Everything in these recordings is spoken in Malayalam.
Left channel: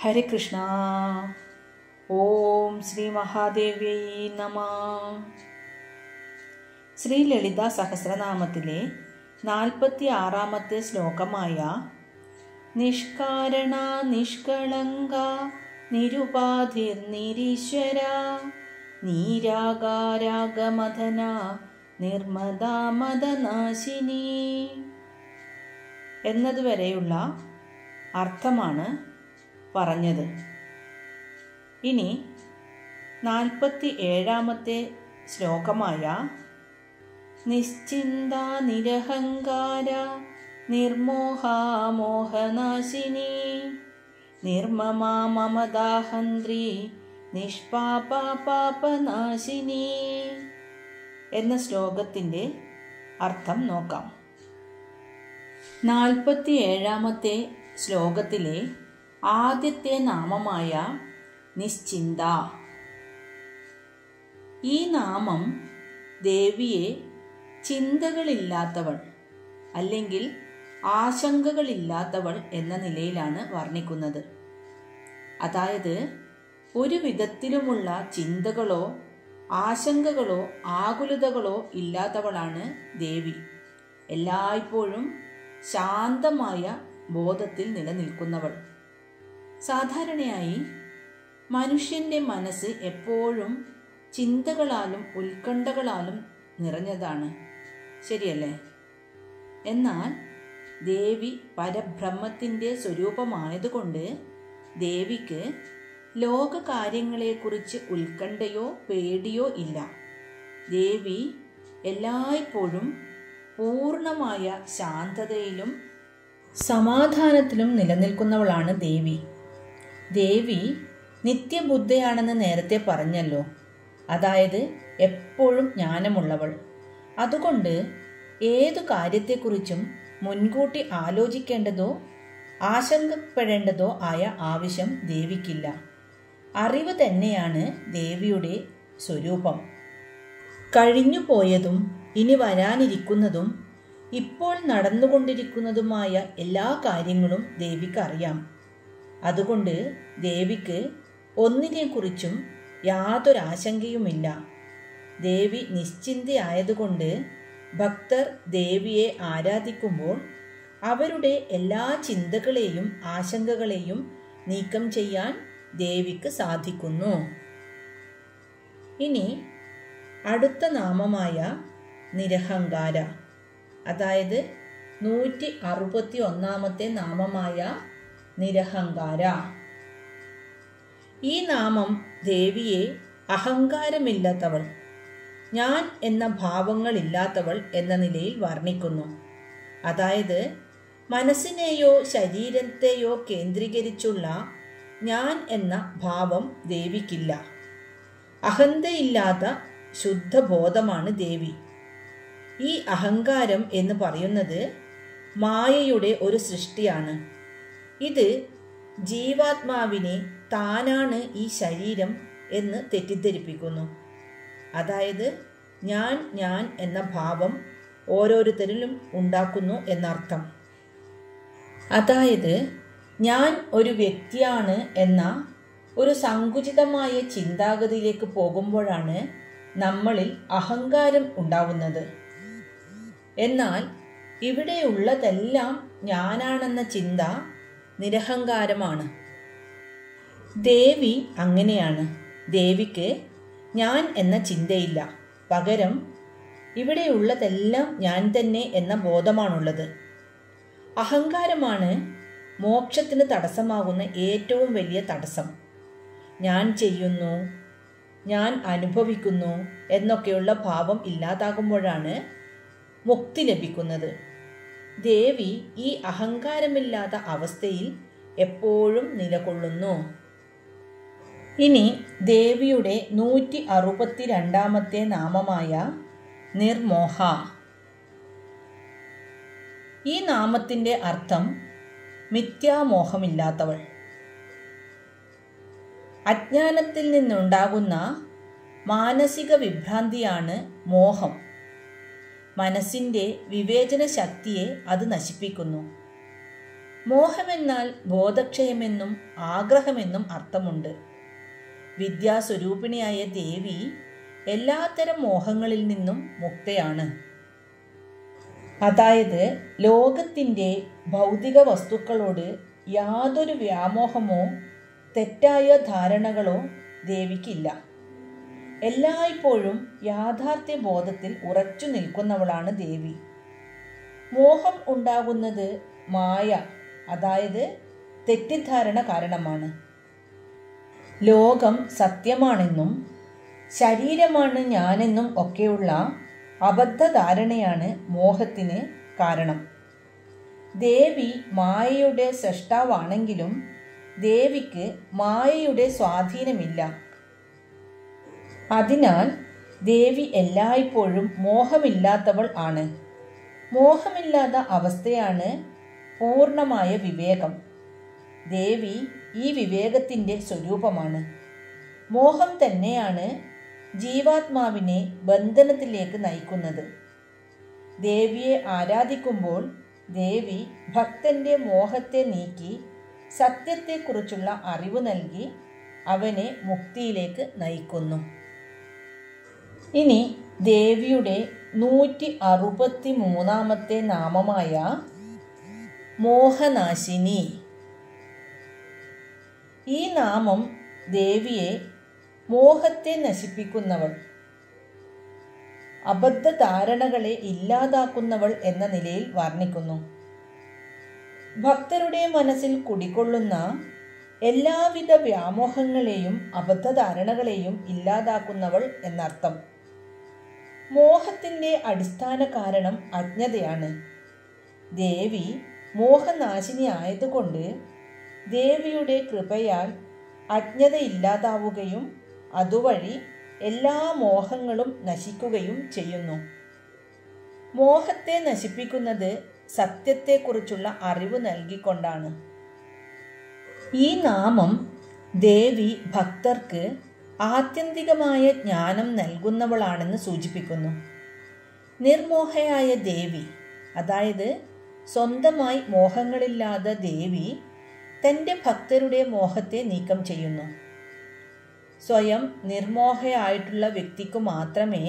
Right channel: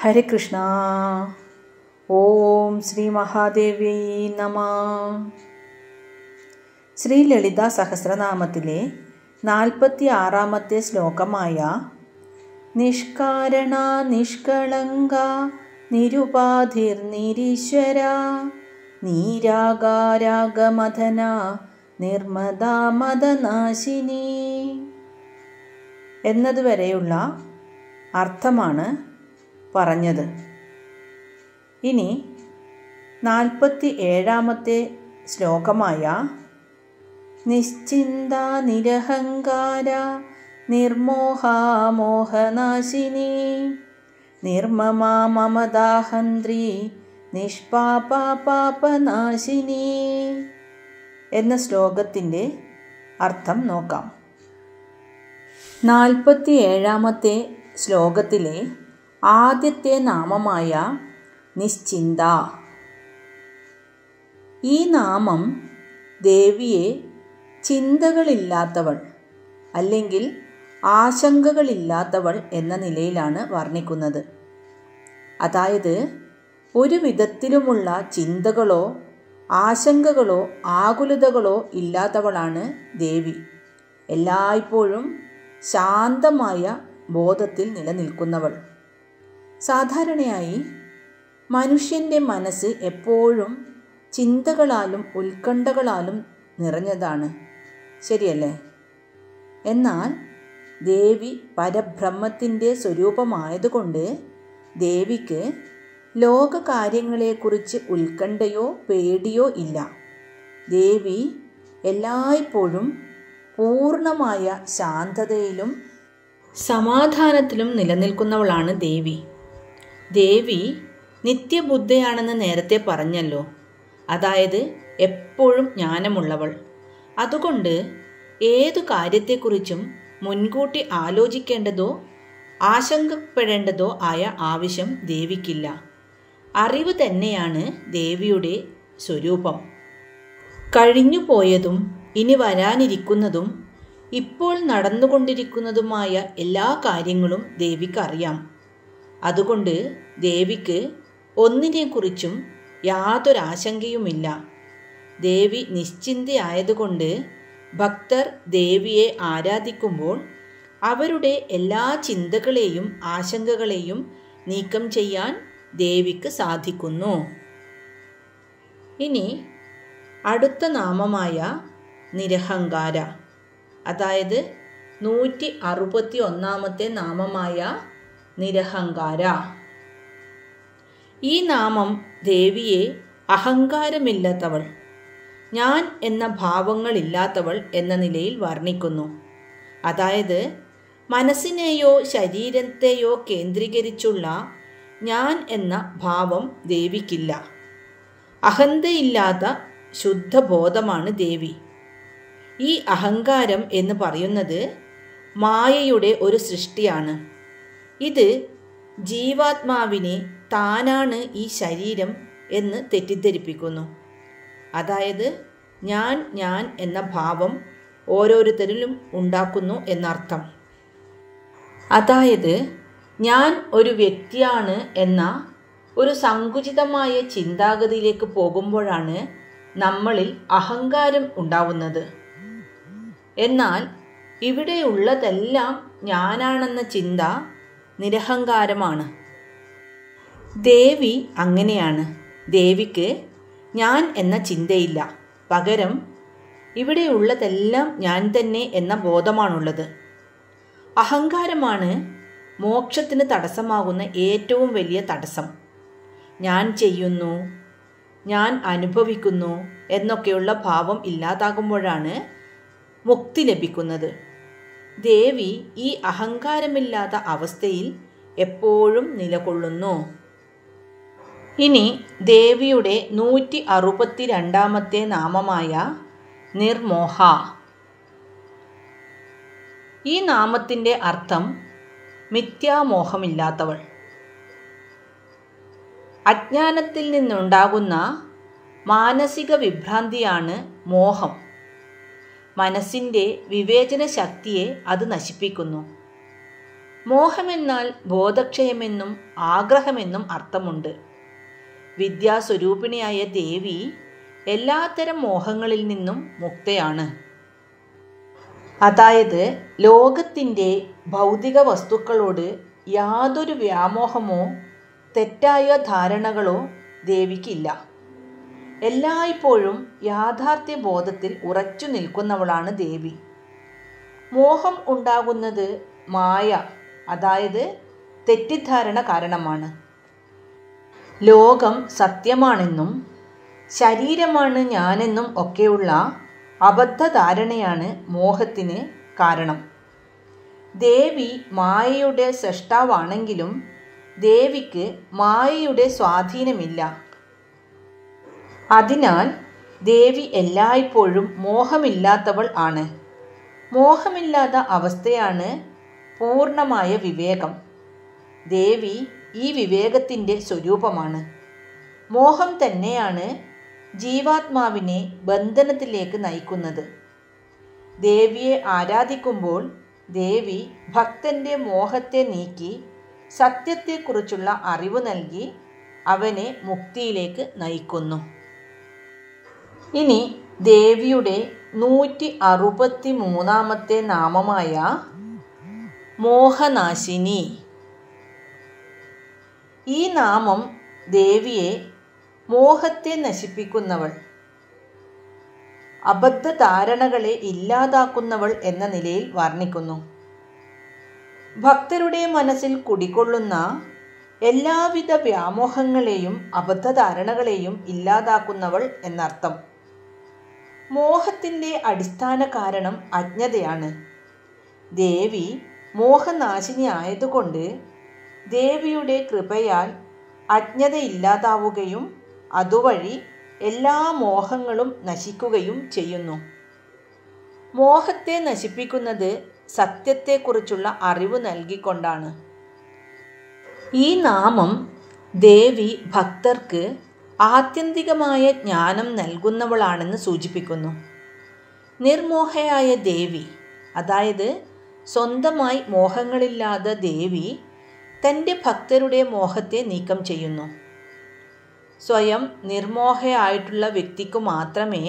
ഹരേ കൃഷ്ണ. ഓം ശ്രീ മഹാദേവ്യൈ നമഃ. ശ്രീ ലളിതാ സഹസ്രനാമത്തിലെ 46-ാമത്തെ ശ്ലോകമായ നിഷ്കാരണ നിഷ്കളങ്ക നിരുപാധിർ നിരീശ്വര നീരാഗാരാഗമദന നിർമ്മദാ മദനാശിനി എന്നതുവരെയുള്ള അർത്ഥമാണ് പറഞ്ഞത്. ഇനി 47-ാമത്തെ ശ്ലോകമായ നിശ്ചിന്ത നിരഹങ്കാര നിർമോഹാമോഹനാശിനി നിർമ്മമാ മമദാഹന്ത്രി നിഷ്പാപാപാപനാശിനി എന്ന ശ്ലോകത്തിൻ്റെ അർത്ഥം നോക്കാം. 47-ാമത്തെ ശ്ലോകത്തിലെ ആദ്യത്തെ നാമമായ നിശ്ചിന്ത, ഈ നാമം ദേവിയെ ചിന്തകളില്ലാത്തവൾ അല്ലെങ്കിൽ ആശങ്കകളില്ലാത്തവൾ എന്ന നിലയിലാണ് വർണ്ണിക്കുന്നത്. അതായത് ഒരു വിധത്തിലുമുള്ള ചിന്തകളോ ആശങ്കകളോ ആകുലതകളോ ഇല്ലാത്തവളാണ് ദേവി. എല്ലായ്പ്പോഴും ശാന്തമായ ബോധത്തിൽ നിലനിൽക്കുന്നവൾ. സാധാരണയായി മനുഷ്യൻ്റെ മനസ്സ് എപ്പോഴും ചിന്തകളാലും ഉത്കണ്ഠകളാലും നിറഞ്ഞതാണ്, ശരിയല്ലേ? എന്നാൽ ദേവി പരബ്രഹ്മത്തിൻ്റെ സ്വരൂപമായതുകൊണ്ട് ദേവിക്ക് ലോകകാര്യങ്ങളെക്കുറിച്ച് ഉത്കണ്ഠയോ പേടിയോ ഇല്ല. ദേവി എല്ലായ്പ്പോഴും പൂർണ്ണമായ ശാന്തതയിലും സമാധാനത്തിലും നിലനിൽക്കുന്നവളാണ് ദേവി. ദേവി നിത്യബുദ്ധയാണെന്ന് നേരത്തെ പറഞ്ഞല്ലോ. അതായത് എപ്പോഴും ജ്ഞാനമുള്ളവൾ. അതുകൊണ്ട് ഏതു കാര്യത്തെക്കുറിച്ചും മുൻകൂട്ടി ആലോചിക്കേണ്ടതോ ആശങ്കപ്പെടേണ്ടതോ ആയ ആവശ്യം ദേവിക്കില്ല. അറിവ് തന്നെയാണ് ദേവിയുടെ സ്വരൂപം. കഴിഞ്ഞു പോയതും ഇനി വരാനിരിക്കുന്നതും ഇപ്പോൾ നടന്നുകൊണ്ടിരിക്കുന്നതുമായ എല്ലാ കാര്യങ്ങളും ദേവിക്ക് അറിയാം. അതുകൊണ്ട് ദേവിക്ക് ഒന്നിനെക്കുറിച്ചും യാതൊരാശങ്കയുമില്ല. ദേവി നിശ്ചിന്തയായതുകൊണ്ട് ഭക്തർ ദേവിയെ ആരാധിക്കുമ്പോൾ അവരുടെ എല്ലാ ചിന്തകളെയും ആശങ്കകളെയും നീക്കം ചെയ്യാൻ ദേവിക്ക് സാധിക്കുന്നു. ഇനി അടുത്ത നാമമായ നിരഹങ്കാര, അതായത് 161-ാമത്തെ നാമമായ നിരഹങ്കാര. ഈ നാമം ദേവിയെ അഹങ്കാരമില്ലാത്തവൾ, ഞാൻ എന്ന ഭാവങ്ങളില്ലാത്തവൾ എന്ന നിലയിൽ വർണ്ണിക്കുന്നു. അതായത് മനസ്സിനെയോ ശരീരത്തെയോ കേന്ദ്രീകരിച്ചുള്ള ഞാൻ എന്ന ഭാവം ദേവിക്കില്ല. അഹന്തയില്ലാത്ത ശുദ്ധബോധമാണ് ദേവി. ഈ അഹങ്കാരം എന്ന് പറയുന്നത് മായയുടെ ഒരു സൃഷ്ടിയാണ്. ഇത് ജീവാത്മാവിനെ താനാണ് ഈ ശരീരം എന്ന് തെറ്റിദ്ധരിപ്പിക്കുന്നു. അതായത് ഞാൻ എന്ന ഭാവം ഓരോരുത്തരിലും ഉണ്ടാക്കുന്നു എന്നർത്ഥം. അതായത് ഞാൻ ഒരു വ്യക്തിയാണ് എന്ന ഒരു സങ്കുചിതമായ ചിന്താഗതിയിലേക്ക് പോകുമ്പോഴാണ് നമ്മളിൽ അഹങ്കാരം ഉണ്ടാവുന്നത്. എന്നാൽ ഇവിടെയുള്ളതെല്ലാം ഞാനാണെന്ന ചിന്ത നിരഹങ്കാരമാണ്. ദേവി അങ്ങനെയാണ്. ദേവിക്ക് ഞാൻ എന്ന ചിന്തയില്ല. പകരം ഇവിടെയുള്ളതെല്ലാം ഞാൻ തന്നെ എന്ന ബോധമാണുള്ളത്. അഹങ്കാരമാണ് മോക്ഷത്തിന് തടസ്സമാകുന്ന ഏറ്റവും വലിയ തടസ്സം. ഞാൻ ചെയ്യുന്നു, ഞാൻ അനുഭവിക്കുന്നു എന്നൊക്കെയുള്ള ഭാവം ഇല്ലാതാകുമ്പോഴാണ് മുക്തി ലഭിക്കുന്നത്. ദേവി ഈ അഹങ്കാരമില്ലാത്ത അവസ്ഥയിൽ എപ്പോഴും നിലകൊള്ളുന്നു. ഇനി ദേവിയുടെ 162-ാമത്തെ നാമമായ നിർമോഹ. ഈ നാമത്തിൻ്റെ അർത്ഥം മിഥ്യാമോഹമില്ലാത്തവൾ. അജ്ഞാനത്തിൽ നിന്നുണ്ടാകുന്ന മാനസിക വിഭ്രാന്തിയാണ് മോഹം. മനസ്സിൻ്റെ വിവേചന ശക്തിയെ അത് നശിപ്പിക്കുന്നു. മോഹമെന്നാൽ ബോധക്ഷയമെന്നും ആഗ്രഹമെന്നും അർത്ഥമുണ്ട്. വിദ്യാസ്വരൂപിണിയായ ദേവി എല്ലാത്തരം മോഹങ്ങളിൽ നിന്നും മുക്തയാണ്. അതായത് ലോകത്തിൻ്റെ ഭൗതിക വസ്തുക്കളോട് യാതൊരു വ്യാമോഹമോ തെറ്റായ ധാരണകളോ ദേവിക്കില്ല. എല്ലായ്പ്പോഴും യാഥാർത്ഥ്യ ബോധത്തിൽ ഉറച്ചു നിൽക്കുന്നവളാണ് ദേവി. മോഹം ഉണ്ടാകുന്നത് മായ, അതായത് തെറ്റിദ്ധാരണ കാരണമാണ്. ലോകം സത്യമാണെന്നും ശരീരമാണ് ഞാനെന്നും ഒക്കെയുള്ള അബദ്ധധാരണയാണ് മോഹത്തിന് കാരണം. ദേവി മായയുടെ സൃഷ്ടാവാണെങ്കിലും ദേവിക്ക് മായയുടെ സ്വാധീനമില്ല. അതിനാൽ ദേവി എല്ലായ്പ്പോഴും മോഹമില്ലാത്തവൾ ആണ്. മോഹമില്ലാത്ത അവസ്ഥയാണ് പൂർണ്ണമായ വിവേകം. ദേവി ഈ വിവേകത്തിൻ്റെ സ്വരൂപമാണ്. മോഹം തന്നെയാണ് ജീവാത്മാവിനെ ബന്ധനത്തിലേക്ക് നയിക്കുന്നത്. ദേവിയെ ആരാധിക്കുമ്പോൾ ദേവി ഭക്തൻ്റെ മോഹത്തെ നീക്കി സത്യത്തെക്കുറിച്ചുള്ള അറിവ് നൽകി അവനെ മുക്തിയിലേക്ക് നയിക്കുന്നു. ഇനി ദേവിയുടെ 163 നാമമായ മോഹനാശിനി. ഈ നാമം ദേവിയെ മോഹത്തെ നശിപ്പിക്കുന്നവൾ, അബദ്ധധാരണകളെ ഇല്ലാതാക്കുന്നവൾ എന്ന നിലയിൽ വർണ്ണിക്കുന്നു. ഭക്തരുടെ മനസ്സിൽ കുടികൊള്ളുന്ന എല്ലാവിധ വ്യാമോഹങ്ങളെയും അബദ്ധധാരണകളെയും ഇല്ലാതാക്കുന്നവൾ എന്നർത്ഥം. മോഹത്തിൻ്റെ അടിസ്ഥാന കാരണം അജ്ഞതയാണ്. ദേവി മോഹനാശിനി ആയതുകൊണ്ട് ദേവിയുടെ കൃപയാൽ അജ്ഞത ഇല്ലാതാവുകയും അതുവഴി എല്ലാ മോഹങ്ങളും നശിക്കുകയും ചെയ്യുന്നു. മോഹത്തെ നശിപ്പിക്കുന്നത് സത്യത്തെക്കുറിച്ചുള്ള അറിവ് നൽകിക്കൊണ്ടാണ്. ഈ നാമം ദേവി ഭക്തർക്ക് ആത്യന്തികമായ ജ്ഞാനം നൽകുന്നവളാണെന്ന് സൂചിപ്പിക്കുന്നു. നിർമോഹയായ ദേവി, അതായത് സ്വന്തമായി മോഹങ്ങളില്ലാത്ത ദേവി തൻ്റെ ഭക്തരുടെ മോഹത്തെ നീക്കം ചെയ്യുന്നു. സ്വയം നിർമോഹയായിട്ടുള്ള വ്യക്തിക്ക് മാത്രമേ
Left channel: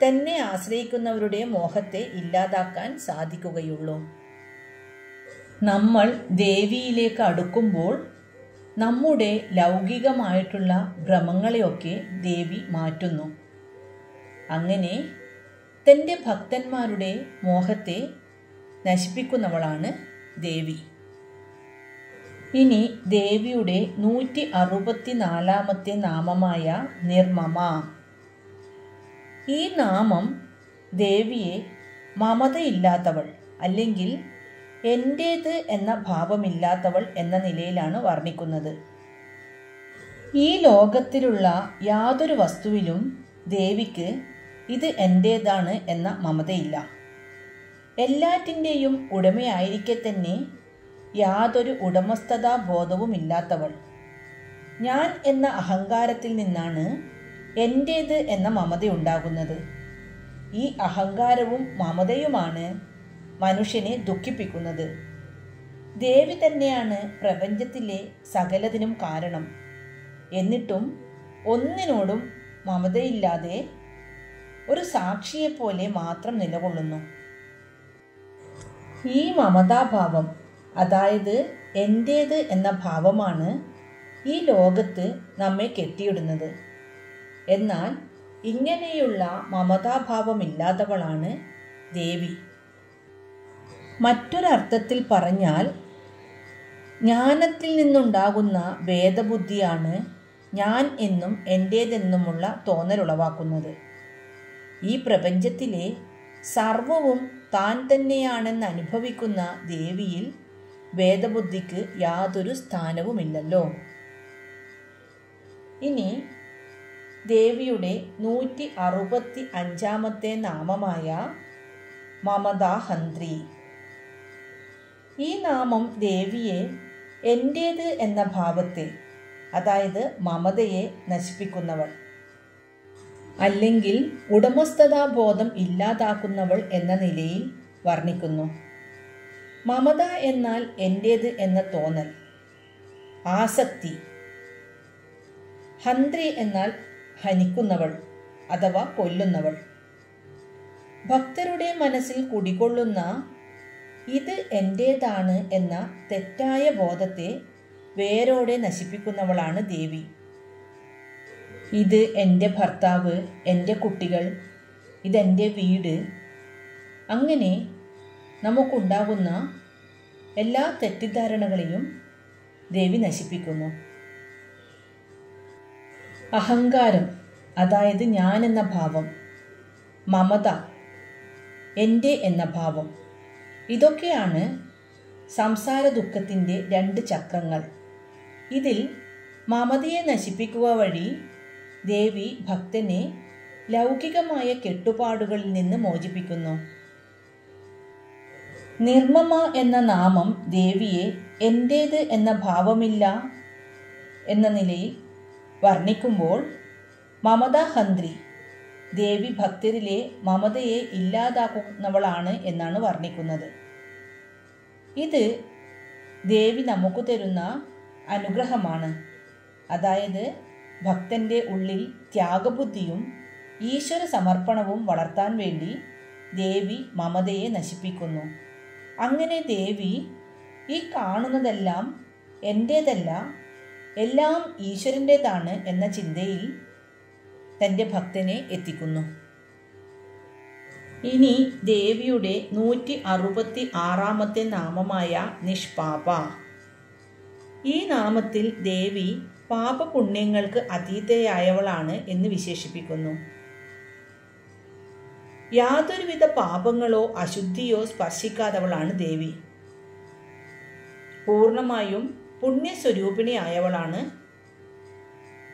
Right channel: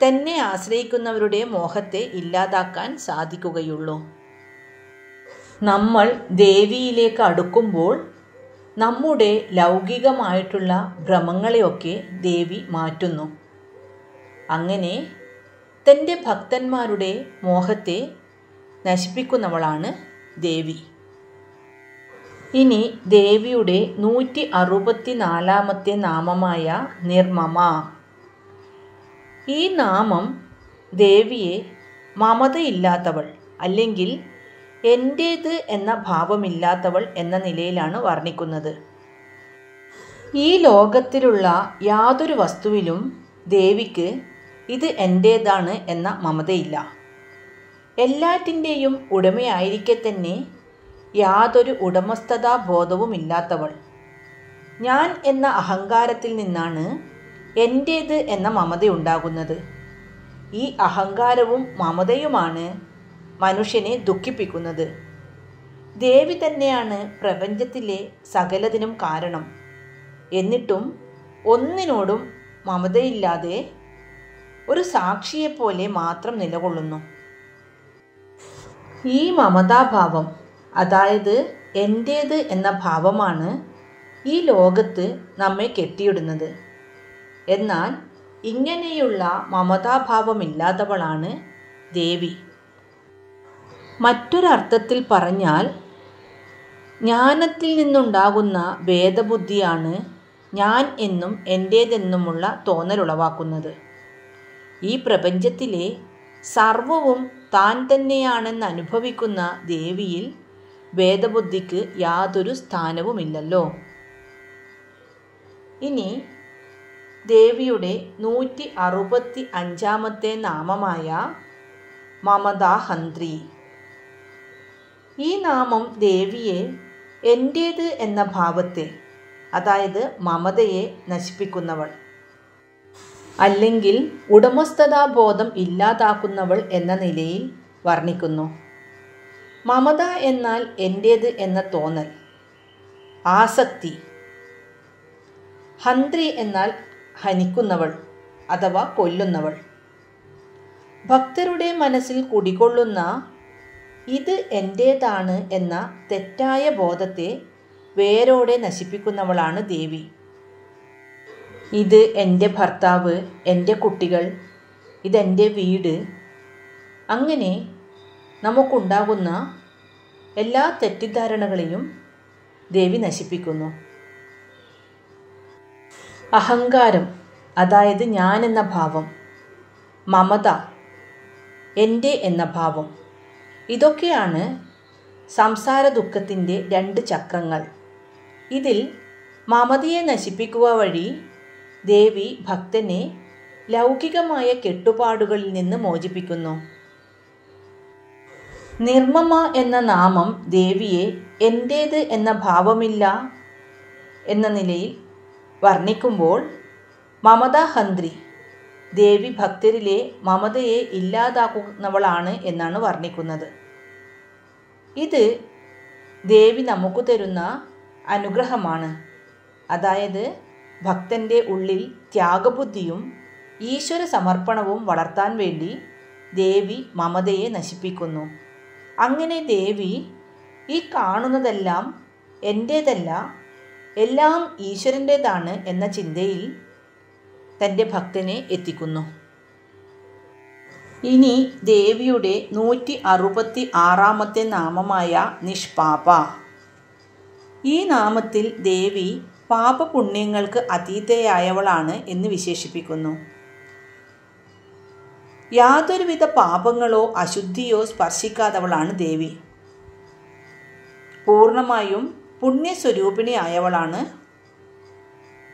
തന്നെ ആശ്രയിക്കുന്നവരുടെ മോഹത്തെ ഇല്ലാതാക്കാൻ സാധിക്കുകയുള്ളൂ. നമ്മൾ ദേവിയിലേക്ക് അടുക്കുമ്പോൾ നമ്മുടെ ലൗകികമായിട്ടുള്ള ഭ്രമങ്ങളെയൊക്കെ ദേവി മാറ്റുന്നു. അങ്ങനെ തൻ്റെ ഭക്തന്മാരുടെ മോഹത്തെ നശിപ്പിക്കുന്നവളാണ് ദേവി. ഇനി ദേവിയുടെ 164 നാമമായ നിർമ്മമ. ഈ നാമം ദേവിയെ മമതയില്ലാത്തവൾ അല്ലെങ്കിൽ എൻ്റേത് എന്ന ഭാവമില്ലാത്തവൾ എന്ന നിലയിലാണ് വർണ്ണിക്കുന്നത്. ഈ ലോകത്തിലുള്ള യാതൊരു വസ്തുവിലും ദേവിക്ക് ഇത് എൻ്റേതാണ് എന്ന മമതയില്ല. എല്ലാറ്റിൻ്റെയും ഉടമയായിരിക്കെ തന്നെ യാതൊരു ഉടമസ്ഥതാ ബോധവുമില്ലാത്തവൾ. ഞാൻ എന്ന അഹങ്കാരത്തിൽ നിന്നാണ് എൻ്റേത് എന്ന മമതയുണ്ടാകുന്നത്. ഈ അഹങ്കാരവും മമതയുമാണ് മനുഷ്യനെ ദുഃഖിപ്പിക്കുന്നത്. ദേവി തന്നെയാണ് പ്രപഞ്ചത്തിലെ സകലതിനും കാരണം. എന്നിട്ടും ഒന്നിനോടും മമതയില്ലാതെ ഒരു സാക്ഷിയെപ്പോലെ മാത്രം നിലകൊള്ളുന്നു. ഈ മമതാഭാവം, അതായത് എൻ്റേത് എന്ന ഭാവമാണ് ഈ ലോകത്ത് നമ്മെ കെട്ടിയിടുന്നത്. എന്നാൽ ഇങ്ങനെയുള്ള മമതാഭാവമില്ലാത്തവളാണ് ദേവി. മറ്റൊരർത്ഥത്തിൽ പറഞ്ഞാൽ ജ്ഞാനത്തിൽ നിന്നുണ്ടാകുന്ന ഭേദബുദ്ധിയാണ് ഞാൻ എന്നും എൻ്റേതെന്നുമുള്ള തോന്നലുളവാക്കുന്നത്. ഈ പ്രപഞ്ചത്തിലെ സർവവും താൻ തന്നെയാണെന്ന് അനുഭവിക്കുന്ന ദേവിയിൽ ഭേദബുദ്ധിക്ക് യാതൊരു സ്ഥാനവുമില്ലല്ലോ. ഇനി ദേവിയുടെ 165 നാമമായ മമതാഹന്ത്രി. ഈ നാമം ദേവിയെ എൻ്റേത് എന്ന ഭാവത്തെ, അതായത് മമതയെ നശിപ്പിക്കുന്നവൾ അല്ലെങ്കിൽ ഉടമസ്ഥതാബോധം ഇല്ലാതാക്കുന്നവൾ എന്ന നിലയിൽ വർണ്ണിക്കുന്നു. മമത എന്നാൽ എൻ്റേത് എന്ന തോന്നൽ, ആസക്തി. ഹന്ത്രി എന്നാൽ ഹനിക്കുന്നവൾ അഥവാ കൊല്ലുന്നവൾ. ഭക്തരുടെ മനസ്സിൽ കുടികൊള്ളുന്ന ഇത് എൻ്റേതാണ് എന്ന തെറ്റായ ബോധത്തെ വേരോടെ നശിപ്പിക്കുന്നവളാണ് ദേവി. ഇത് എൻ്റെ ഭർത്താവ്, എൻ്റെ കുട്ടികൾ, ഇതെൻ്റെ വീട്, അങ്ങനെ നമുക്കുണ്ടാകുന്ന എല്ലാ തെറ്റിദ്ധാരണകളെയും ദേവി നശിപ്പിക്കുന്നു. അഹങ്കാരം, അതായത് ഞാൻ എന്ന ഭാവം, മമത, എൻ്റെ എന്ന ഭാവം, ഇതൊക്കെയാണ് സംസാര ദുഃഖത്തിൻ്റെ 2 ചക്രങ്ങൾ. ഇതിൽ മമതയെ നശിപ്പിക്കുക വഴി ദേവി ഭക്തനെ ലൗകികമായ കെട്ടുപാടുകളിൽ നിന്ന് മോചിപ്പിക്കുന്നു. നിർമ്മമ എന്ന നാമം ദേവിയെ എൻ്റേത് എന്ന ഭാവമില്ല എന്ന നിലയിൽ വർണ്ണിക്കുമ്പോൾ മമതാഹന്ത്രി, ദേവി ഭക്തരിലെ മമതയെ ഇല്ലാതാക്കുന്നവളാണ് എന്നാണ് വർണ്ണിക്കുന്നത്. ഇത് ദേവി നമുക്ക് തരുന്ന അനുഗ്രഹമാണ്. അതായത് ഭക്തൻ്റെ ഉള്ളിൽ ത്യാഗബുദ്ധിയും ഈശ്വര സമർപ്പണവും വളർത്താൻ വേണ്ടി ദേവി മമതയെ നശിപ്പിക്കുന്നു. അങ്ങനെ ദേവി ഈ കാണുന്നതെല്ലാം എൻ്റേതല്ല, എല്ലാം ഈശ്വരൻ്റേതാണ് എന്ന ചിന്തയിൽ തൻ്റെ ഭക്തനെ എത്തിക്കുന്നു. ഇനി ദേവിയുടെ 166-ാമത്തെ നാമമായ നിഷ്പാപ. ഈ നാമത്തിൽ ദേവി പാപപുണ്യങ്ങൾക്ക് അതീതയായവളാണ് എന്ന് വിശേഷിപ്പിക്കുന്നു. യാതൊരുവിധ പാപങ്ങളോ അശുദ്ധിയോ സ്പർശിക്കാത്തവളാണ് ദേവി. പൂർണ്ണമായും പുണ്യസ്വരൂപിണിയായവളാണ്.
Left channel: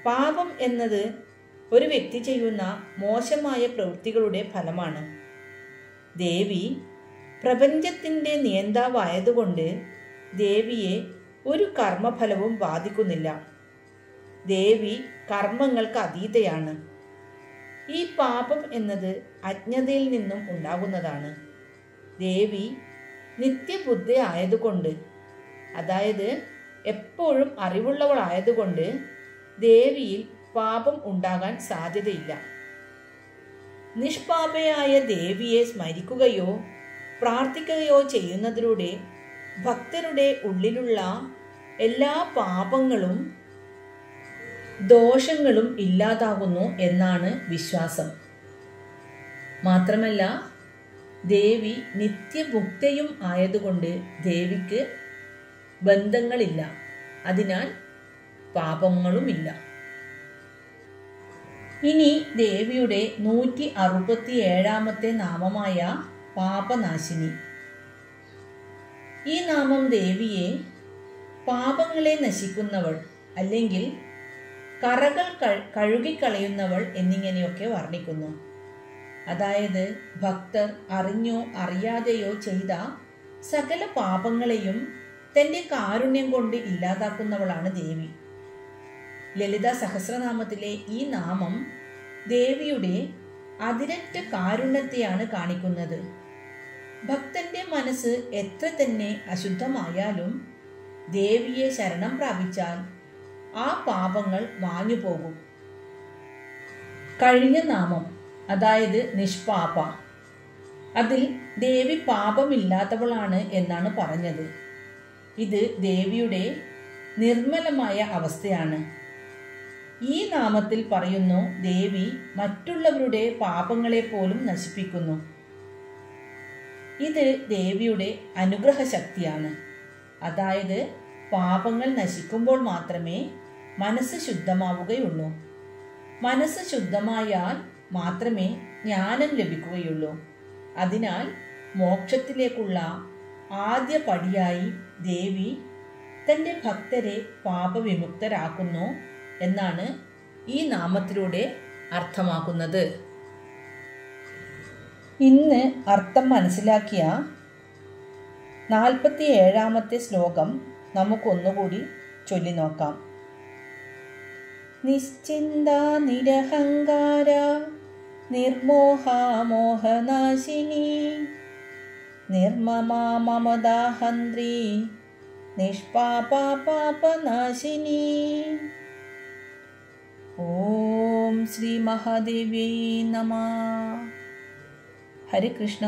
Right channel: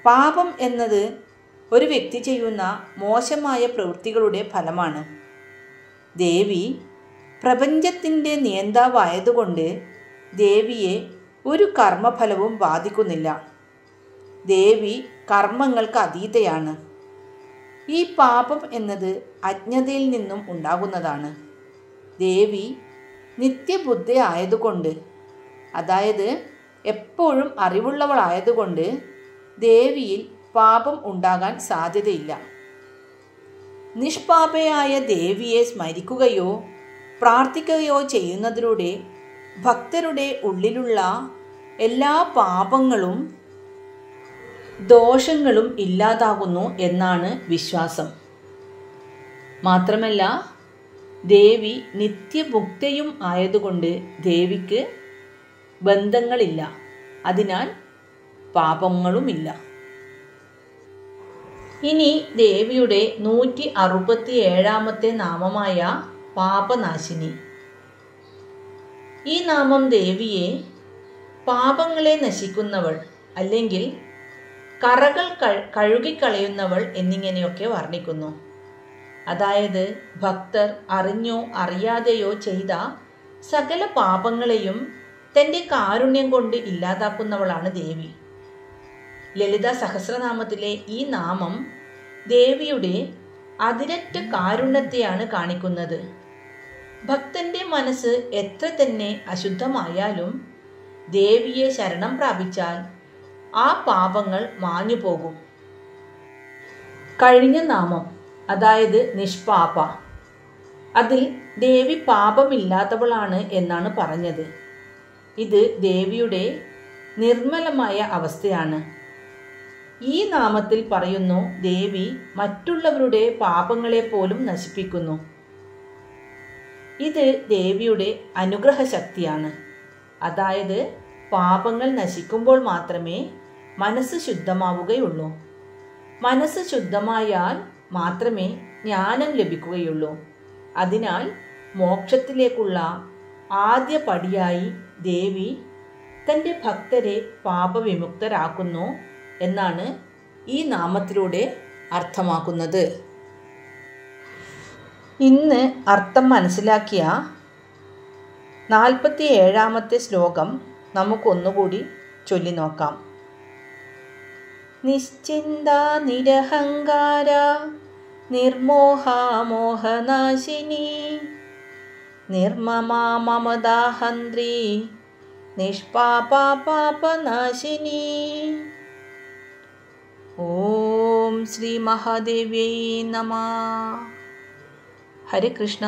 പാപം എന്നത് ഒരു വ്യക്തി ചെയ്യുന്ന മോശമായ പ്രവൃത്തികളുടെ ഫലമാണ്. ദേവി പ്രപഞ്ചത്തിൻ്റെ നിയന്താവായതുകൊണ്ട് ദേവിയെ ഒരു കർമ്മഫലവും ബാധിക്കുന്നില്ല. ദേവി കർമ്മങ്ങൾക്ക് അതീതയാണ്. ഈ പാപം എന്നത് അജ്ഞതയിൽ നിന്നും ഉണ്ടാകുന്നതാണ്. ദേവി നിത്യബുദ്ധി ആയതുകൊണ്ട്, അതായത് എപ്പോഴും അറിവുള്ളവളായതുകൊണ്ട് ദേവിയിൽ പാപം ഉണ്ടാകാൻ സാധ്യതയില്ല. നിഷ്പാപയായ ദേവിയെ സ്മരിക്കുകയോ പ്രാർത്ഥിക്കുകയോ ചെയ്യുന്നതിലൂടെ ഭക്തരുടെ ഉള്ളിലുള്ള എല്ലാ പാപങ്ങളും ദോഷങ്ങളും ഇല്ലാതാകുന്നു എന്നാണ് വിശ്വാസം. മാത്രമല്ല ദേവി നിത്യമുക്തയും ആയതുകൊണ്ട് ദേവിക്ക് ബന്ധങ്ങളില്ല, അതിനാൽ പാപങ്ങളുമില്ല. ഇനി ദേവിയുടെ 167-ാമത്തെ നാമമായ പാപനാശിനി. ഈ നാമം ദേവിയെ പാപങ്ങളെ നശിക്കുന്നവൾ അല്ലെങ്കിൽ കറകൾ കഴുകിക്കളയുന്നവൾ എന്നിങ്ങനെയൊക്കെ വർണ്ണിക്കുന്നു. അതായത് ഭക്തർ അറിഞ്ഞോ അറിയാതെയോ ചെയ്ത സകല പാപങ്ങളെയും തൻ്റെ കാരുണ്യം കൊണ്ട് ഇല്ലാതാക്കുന്നവളാണ് ദേവി. ലളിതാ സഹസ്രനാമത്തിലെ ഈ നാമം ദേവിയുടെ അതിരറ്റ കാരുണ്യത്തെയാണ് കാണിക്കുന്നത്. ഭക്തൻ്റെ മനസ്സ് എത്ര തന്നെ അശുദ്ധമായാലും ദേവിയെ ശരണം പ്രാപിച്ചാൽ ആ പാപങ്ങൾ മാഞ്ഞു പോകും. കഴിഞ്ഞ നാമം, അതായത് നിഷ്പാപ, അതിൽ ദേവി പാപമില്ലാത്തവളാണ് എന്നാണ് പറഞ്ഞത്. ഇത് ദേവിയുടെ നിർമ്മലമായ അവസ്ഥയാണ്. ഈ നാമത്തിൽ പറയുന്നു ദേവി മറ്റുള്ളവരുടെ പാപങ്ങളെ പോലും നശിപ്പിക്കുന്നു. ഇത് ദേവിയുടെ അനുഗ്രഹ ശക്തിയാണ്. അതായത് പാപങ്ങൾ നശിക്കുമ്പോൾ മാത്രമേ മനസ്സ് ശുദ്ധമാവുകയുള്ളൂ. മനസ്സ് ശുദ്ധമായാൽ മാത്രമേ ജ്ഞാനം ലഭിക്കുകയുള്ളൂ. അതിനാൽ മോക്ഷത്തിലേക്കുള്ള ആദ്യ പടിയായി ദേവി തൻ്റെ ഭക്തരെ പാപവിമുക്തരാക്കുന്നു എന്നാണ് ഈ നാമത്തിലൂടെ അർത്ഥമാക്കുന്നത്. ഇന്ന് അർത്ഥം മനസ്സിലാക്കിയ 47-ാമത്തെ ശ്ലോകം നമുക്കൊന്നുകൂടി ചൊല്ലി നോക്കാം. നിശ്ചിന്ത നിരഹങ്കാര നിർമോഹ മോഹനാശിനി നിർമ്മമാ മമതാഹന്ത്രി നിഷ്പാപാ പാപനാശിനി. ഓം ശ്രീ മഹാദേവ്യൈ നമഃ. ഹരേ കൃഷ്ണ.